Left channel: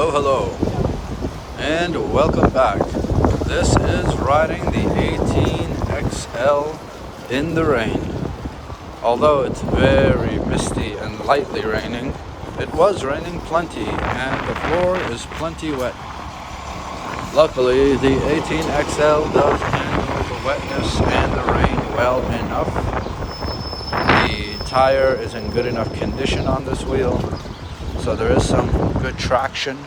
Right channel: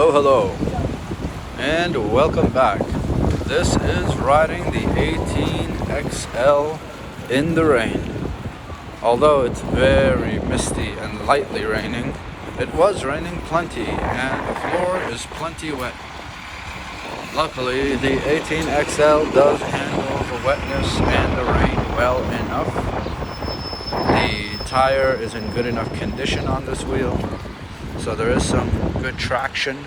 Hello, hello, and welcome back. This is riding the 18XL in the rain. Although it's very misty and lightly raining, it was raining plenty and the floor is plenty wet. Luckily, the 18XL does handle the wetness and the rain well enough. The tire is in good enough condition on this wheel, so there is some good traction.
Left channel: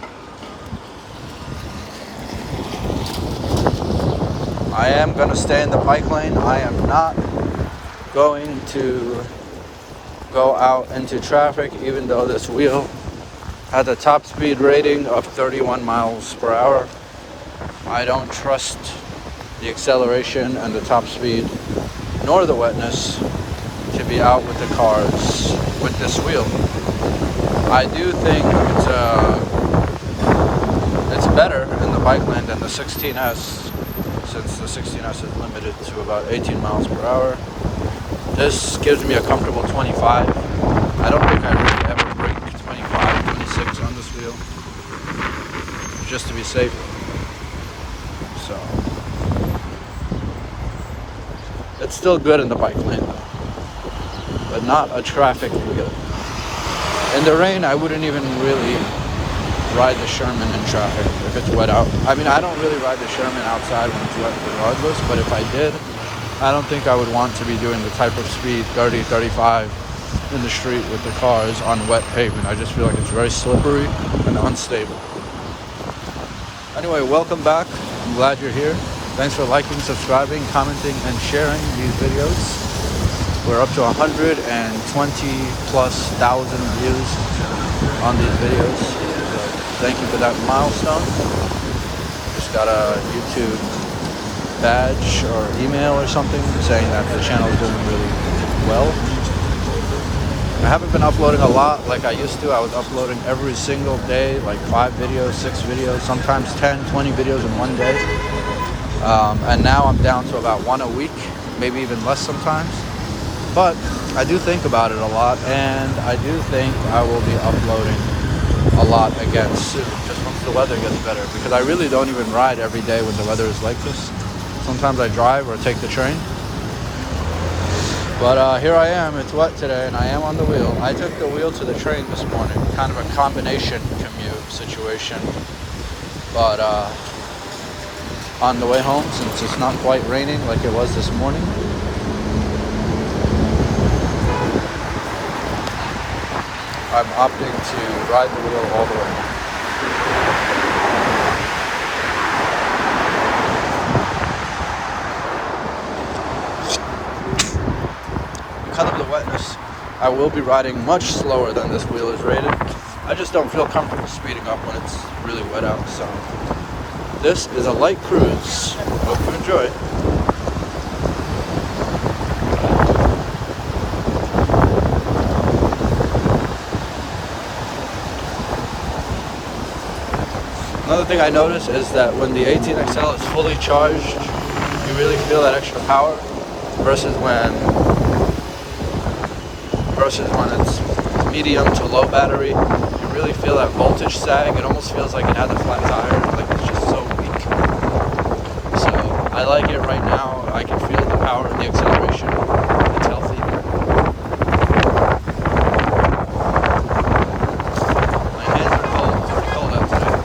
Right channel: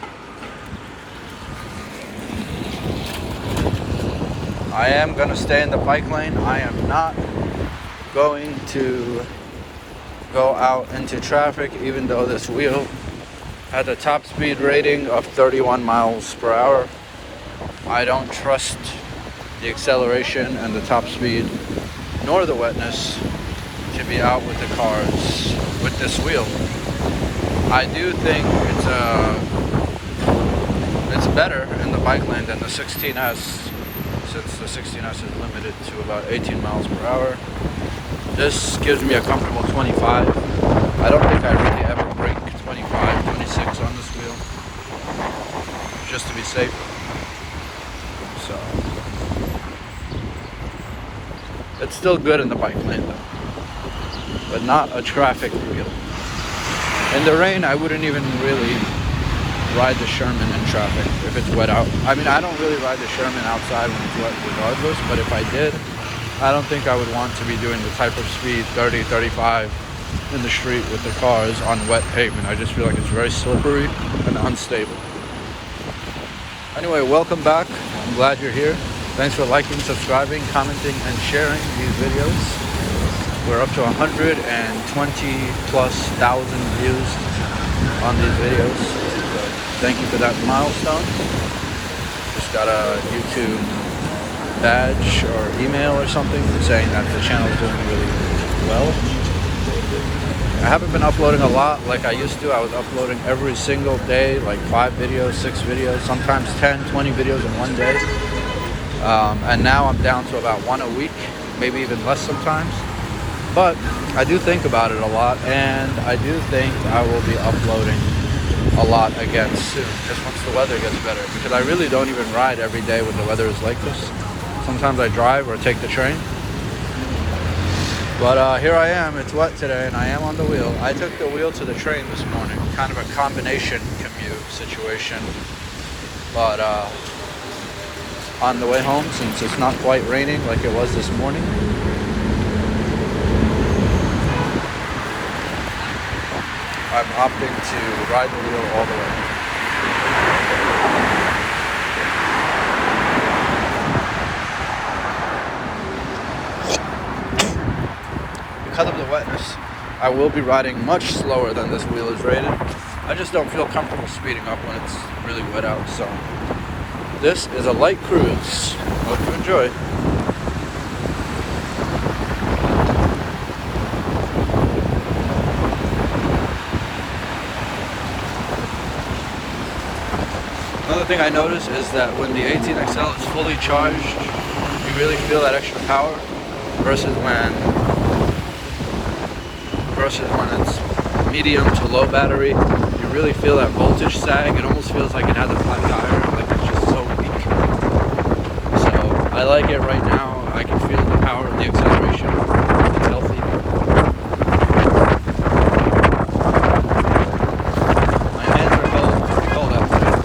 I am going to stay in the bike lane. I am not going to go out into traffic, even though this wheel had a top speed rating of 31 miles per hour. I don't trust the acceleration and the top speed, nor the wetness, to be out with the cars with this wheel. I do think it's better in the bike lane than the 16S, since the 16S is limited to about 18 miles per hour. This gives me a comfortable 25. I don't think I really ever break 25, 26 on this wheel, just to be safe. So it's still good in the bike lane though, but not a traffic wheel. In the rain, I wouldn't even really ride the Sherman in traffic if it's wet out. I mean, I don't really ride the Sherman outside when it's wet regardless, but if I did, I don't think I would want to be doing the type of speed, 30, 35 in the street with the cars on wet pavement. I just feel like it's very slippery and unstable. Anyway, welcome back. I'm glad you're here. Thanks for liking, subscribing, commenting, and sharing these videos. We're up to 120,000+ views on these videos. So thank you for that milestone. Just got a YouTube badge or email or something saying that the channel is doing really well. I haven't been uploading a lot like I used to. I was uploading every single day, like 5 videos, 6 videos, sometimes 10, 20 videos in one day. And now I'm down to about 1 a week, maybe even less sometimes. But I do think about it a lot, and I do think I will be uploading a lot again soon, just once the weather gets better, because I really don't even ride every day when the weather is like this. Sometimes I drive or take the train. But here I am, it's wet today, and I am on the wheel. I took the wheel to the train this morning, kind of a combination commute situation. But on the way home, since it's not quite raining like it was this morning, I'm opting to ride the wheel all the way. Because of the wetness, I will be riding much slower than this wheel is rated. I just don't feel comfortable speeding up when it's really wet out. So this is a light cruise. Hope you enjoy. Another thing I noticed is that when the 18XL is fully charged, you really feel that extra power versus when it's medium to low battery. You really feel that voltage sag. It almost feels like it has a flat tire, like it's just so weak. So I like it right now. I can feel the power of the acceleration. It's healthy. My hands are cold. It's pretty cold outside.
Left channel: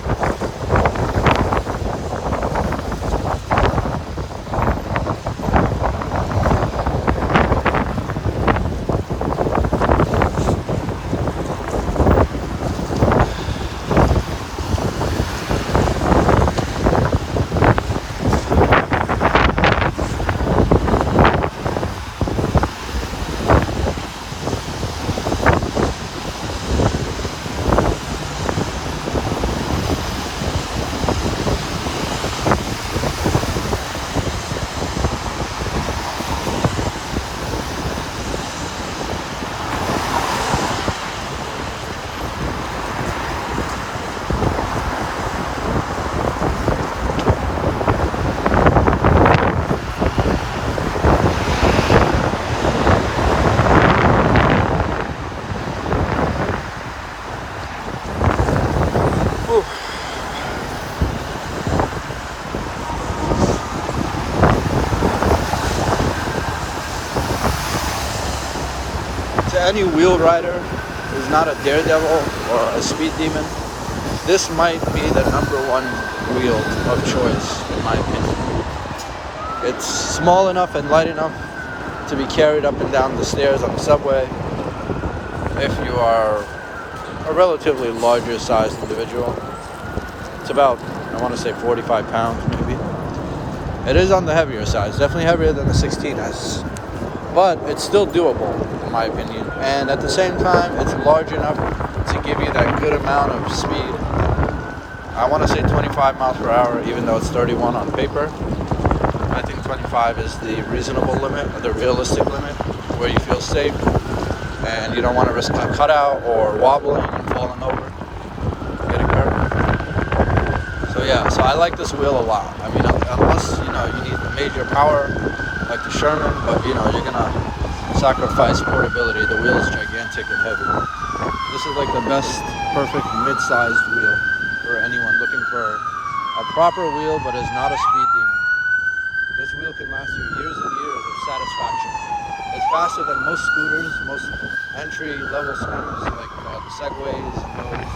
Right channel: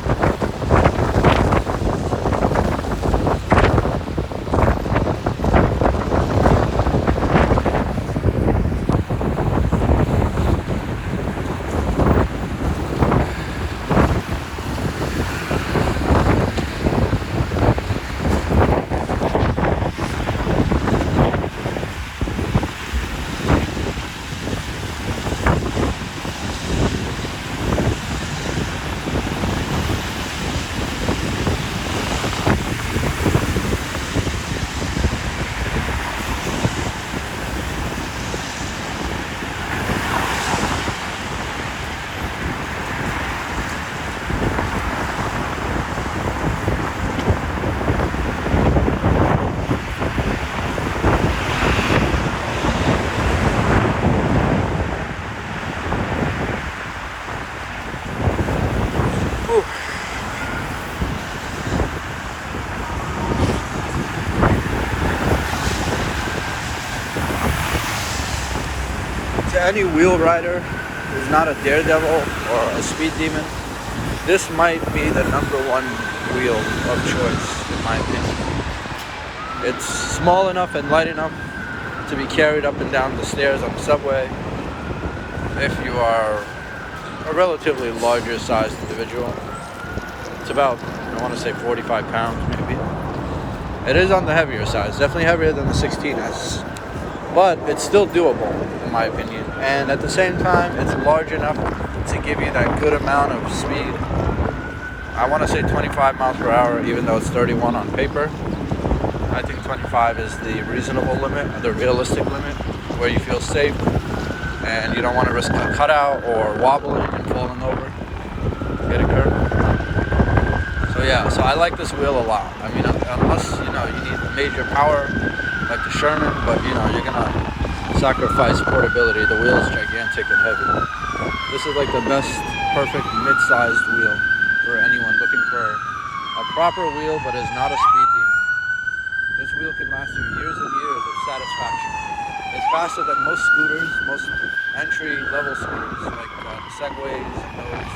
to any wheel rider who's not a daredevil or a speed demon, this might be the #1 wheel of choice, in my opinion. It's small enough and light enough to be carried up and down the stairs on the subway if you are a relatively larger sized individual. It's about, I want to say 45 pounds maybe. It is on the heavier side, it's definitely heavier than the 16S, but it's still doable in my opinion. And at the same time, it's large enough to give you that good amount of speed. I want to say 25 miles per hour, even though it's 31 on paper. I think 25 is the reasonable limit, or the realistic limit, where you feel safe and you don't want to risk a cutout or wobbling and falling over, getting hurt. So yeah, so I like this wheel a lot. I mean, unless you need major power like the Sherman, but you're gonna sacrifice portability. The wheel is gigantic and heavy. This is like the best, perfect mid-sized wheel for anyone looking for a proper wheel but is not a speed demon. This wheel can last you years and years of satisfaction. It's faster than most scooters, most entry-level scooters, like the Segways and those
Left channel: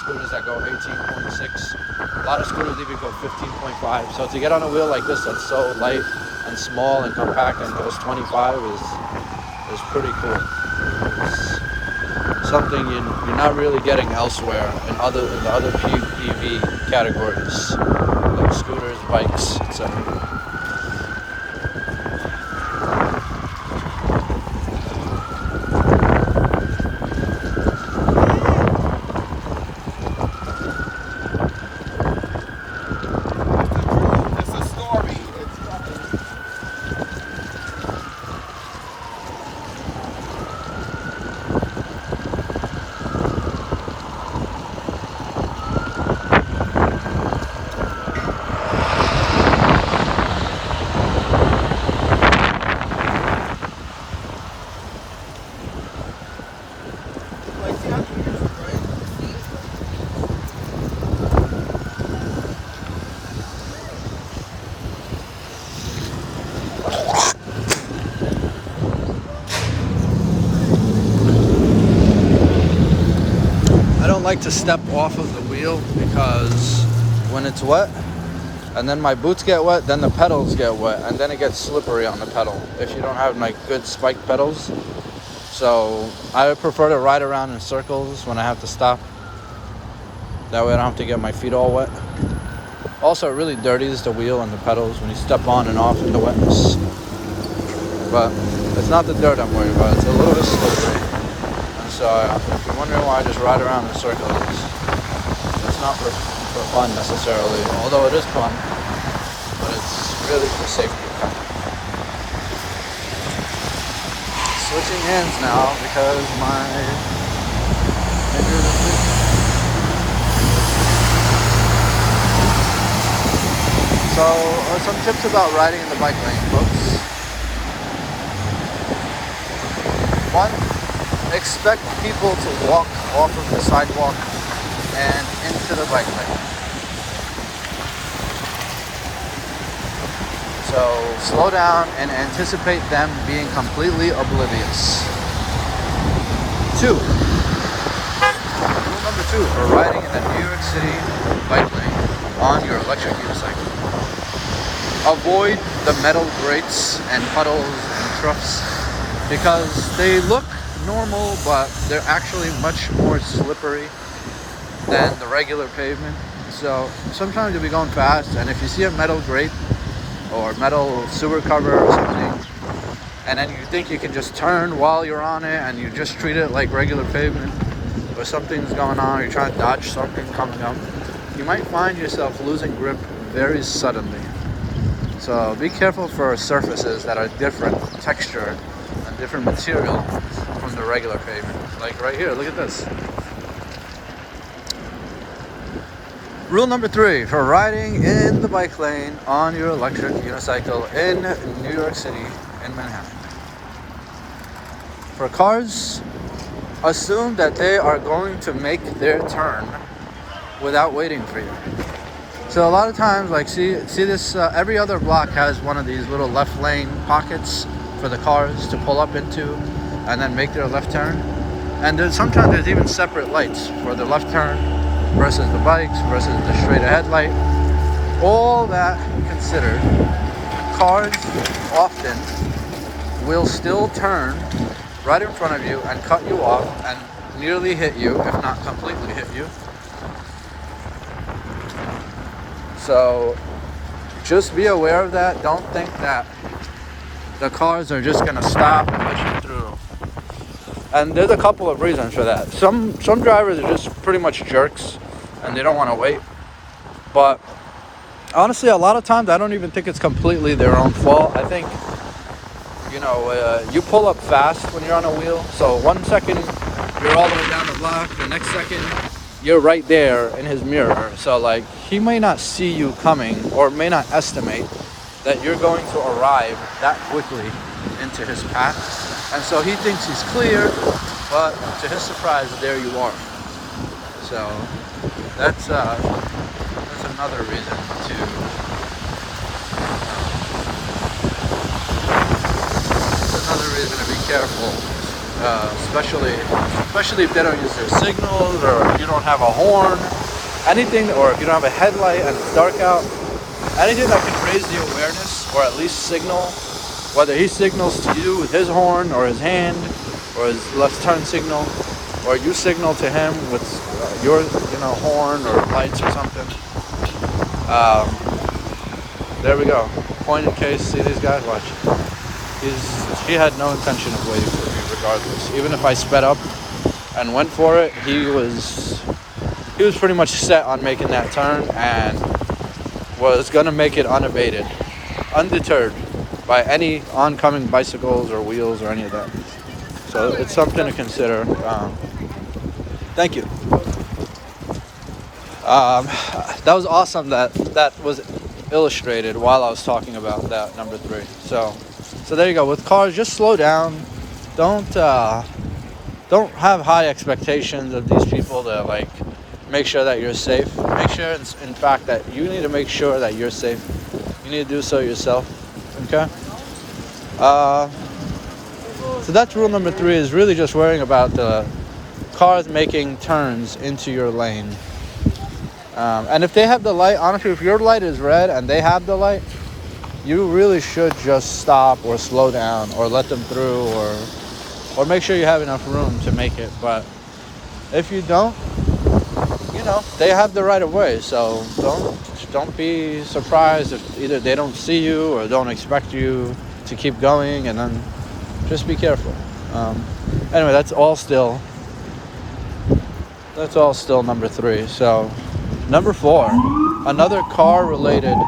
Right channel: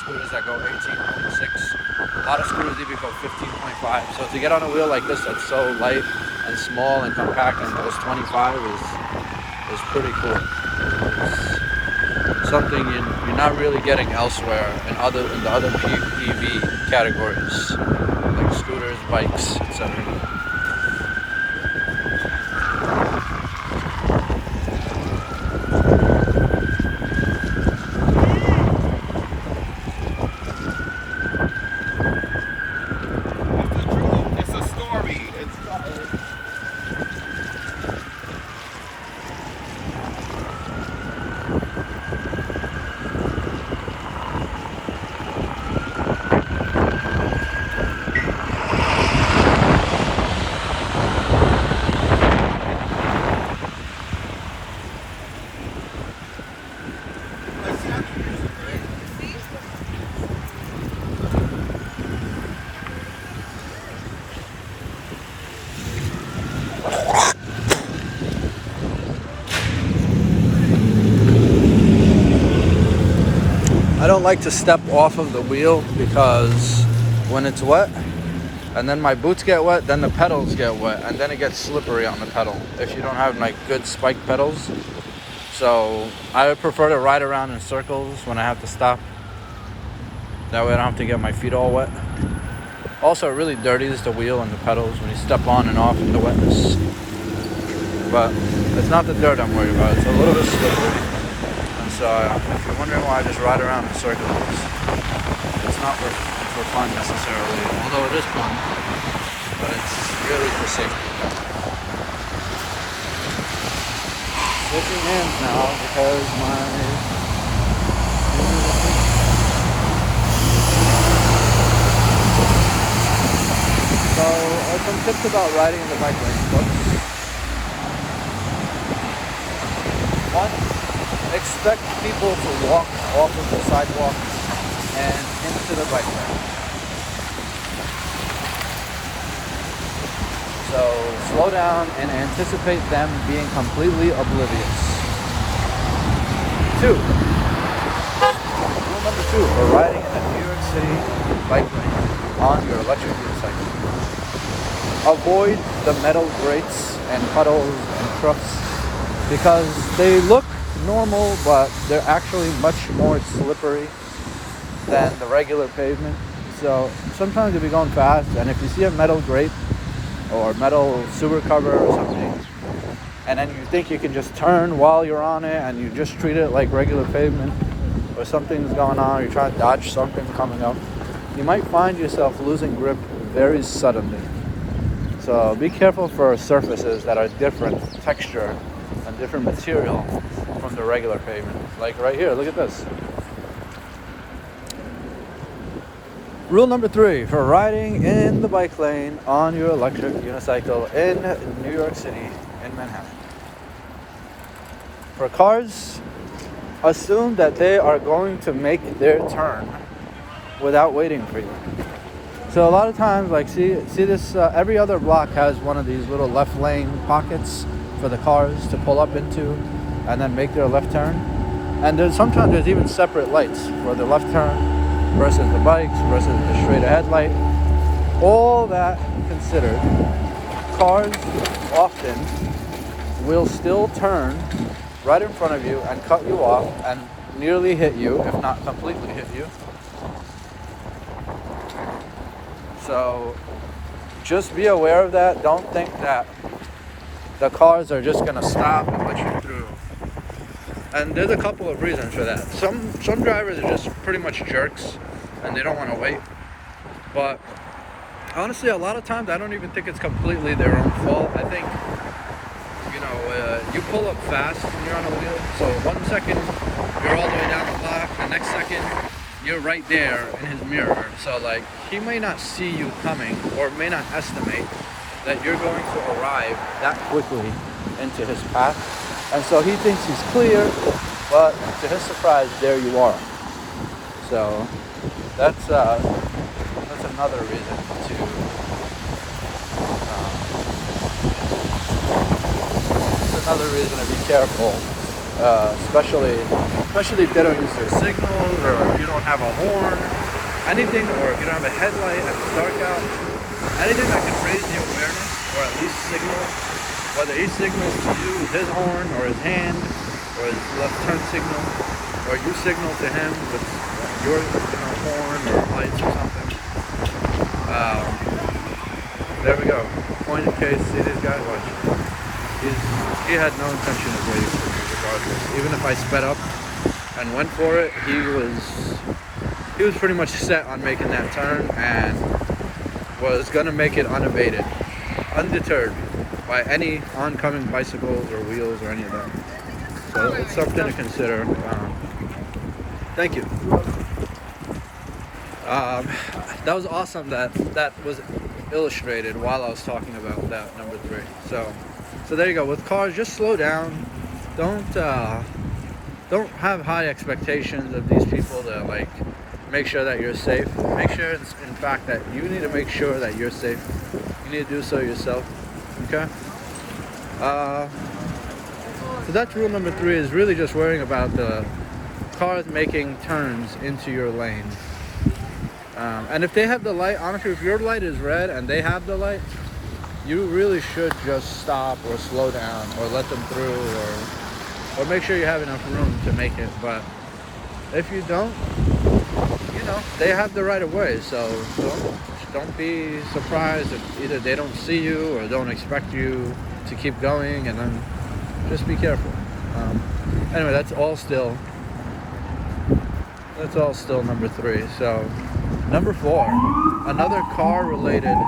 scooters that go 18.6. A lot of scooters even go 15.5. So to get on a wheel like this that's so light and small and compact and goes 25 is pretty cool. It's something you're not really getting elsewhere in the other PV categories, like scooters, bikes, etc. I don't like to step off of the wheel because when it's wet and then my boots get wet, then the pedals get wet and then it gets slippery on the pedal if you don't have like good spike pedals. So I would prefer to ride around in circles when I have to stop. That way I don't have to get my feet all wet. Also, it really dirties the wheel and the pedals when you step on and off in the wetness. But it's not the dirt I'm worried about, it's a little bit slippery. So if you're wondering why I just ride around in circles, it's not for fun necessarily, although it is fun, but it's really for safety. Switching hands now because my fingers are free. So some tips about riding in the bike lane, folks. 1, expect people to walk off of the sidewalk and into the bike lane. So slow down and anticipate them being completely oblivious. 2, rule number 2 for riding in the New York City bike lane on your electric unicycle. Avoid the metal grates and puddles and troughs because they look normal, but they're actually much more slippery than the regular pavement. So sometimes you'll be going fast, and if you see a metal grate or metal sewer cover or something, and then you think you can just turn while you're on it and you just treat it like regular pavement, or something's going on, or you're trying to dodge something coming up, you might find yourself losing grip very suddenly. So be careful for surfaces that are different texture and different material from the regular pavement. Like right here, look at this. Rule number 3 for riding in the bike lane on your electric unicycle in New York City, in Manhattan. For cars, assume that they are going to make their turn without waiting for you. So a lot of times, like see this, every other block has one of these little left lane pockets for the cars to pull up into and then make their left turn. And sometimes there's even separate lights for the left turn versus the bikes versus the straight ahead light. All that considered, cars often will still turn right in front of you and cut you off and nearly hit you, if not completely hit you. So just be aware of that. Don't think that the cars are just gonna stop and let you through. And there's a couple of reasons for that. Some drivers are just pretty much jerks and they don't want to wait. But honestly, a lot of times I don't even think it's completely their own fault. I think, you pull up fast when you're on a wheel. So 1 second you're all the way down the block, the next second you're right there in his mirror. So like he may not see you coming or may not estimate that you're going to arrive that quickly into his path. And so he thinks he's clear, but to his surprise, there you are. So that's another reason to be careful, especially if they don't use their signals, or if you don't have a horn, anything, or if you don't have a headlight and it's dark out. Anything that can raise the awareness, or at least signal. Whether he signals to you with his horn or his hand or his left turn signal, or you signal to him with your horn or lights or something. There we go. Point in case. See these guys? Watch. He had no intention of waiting for me regardless. Even if I sped up and went for it, he was pretty much set on making that turn and was gonna make it unabated, undeterred by any oncoming bicycles or wheels or any of that. So it's something to consider. Thank you. That was awesome that was illustrated while I was talking about that number 3. So there you go. With cars, just slow down. Don't have high expectations of these people to like make sure that you're safe. Make sure, in fact, that you need to make sure that you're safe. You need to do so yourself. Okay. So that's rule number 3, is really just worrying about the cars making turns into your lane. And if they have the light, honestly, if your light is red and they have the light, you really should just stop or slow down or let them through, or make sure you have enough room to make it. But if you don't, they have the right of way. So don't be surprised if either they don't see you or don't expect you to keep going, and then just be careful. Anyway, that's all still number 3. So number 4, another car related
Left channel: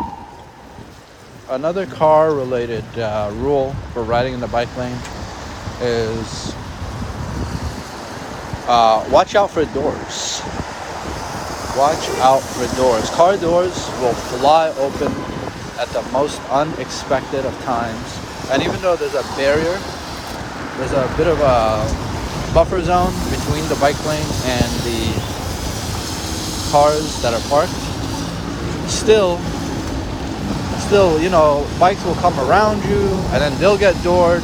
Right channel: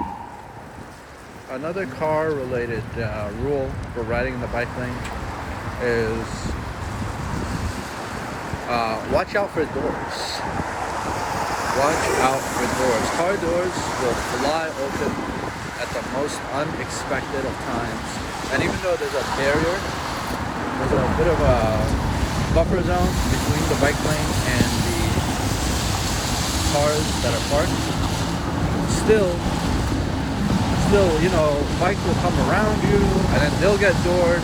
rule for riding in the bike lane is watch out for doors. Watch out for doors. Car doors will fly open at the most unexpected of times. And even though there's a barrier, there's a bit of a buffer zone between the bike lane and the cars that are parked, still, bikes will come around you and then they'll get doored.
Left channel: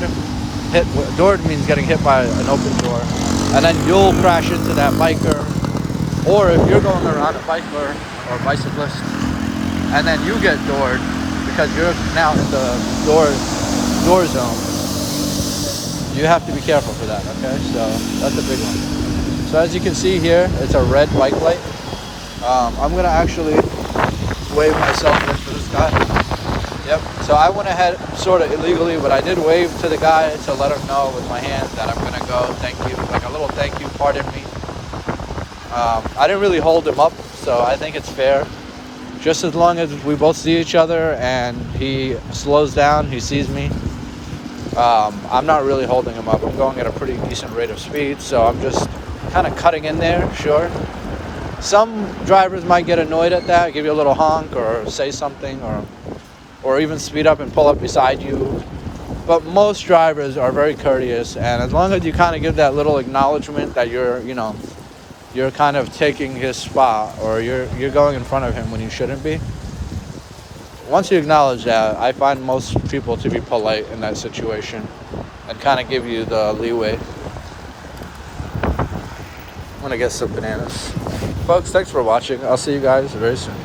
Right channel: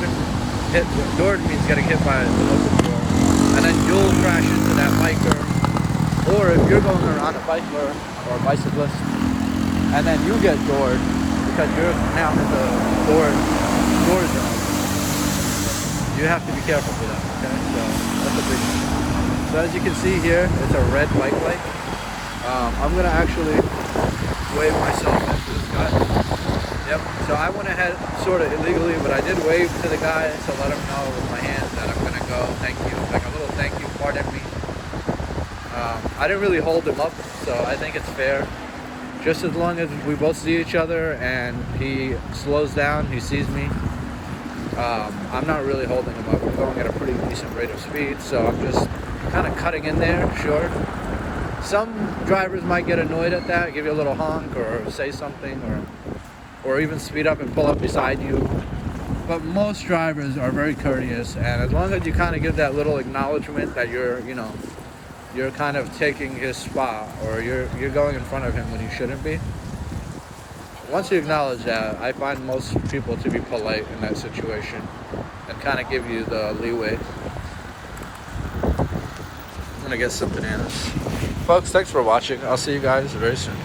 Doored means getting hit by an open door. And then you'll crash into that biker. Or if you're going around a biker or a bicyclist and then you get doored because you're now in the door zone, you have to be careful for that, okay? So that's a big one. So as you can see here, it's a red bike light. I'm gonna actually wave myself in for this guy. Yep, so I went ahead sort of illegally, but I did wave to the guy to let him know with my hand that I'm gonna go, thank you, like a little thank you, pardon me. I didn't really hold him up, so I think it's fair. Just as long as we both see each other and he slows down, he sees me, I'm not really holding him up. We're going at a pretty decent rate of speed, so I'm just kind of cutting in there, sure. Some drivers might get annoyed at that, give you a little honk or say something, or even speed up and pull up beside you. But most drivers are very courteous, and as long as you kind of give that little acknowledgement that you're kind of taking his spot, or you're going in front of him when you shouldn't be. Once you acknowledge that, I find most people to be polite in that situation. I kind of give you the leeway. I'm gonna get some bananas. Folks, thanks for watching. I'll see you guys very soon.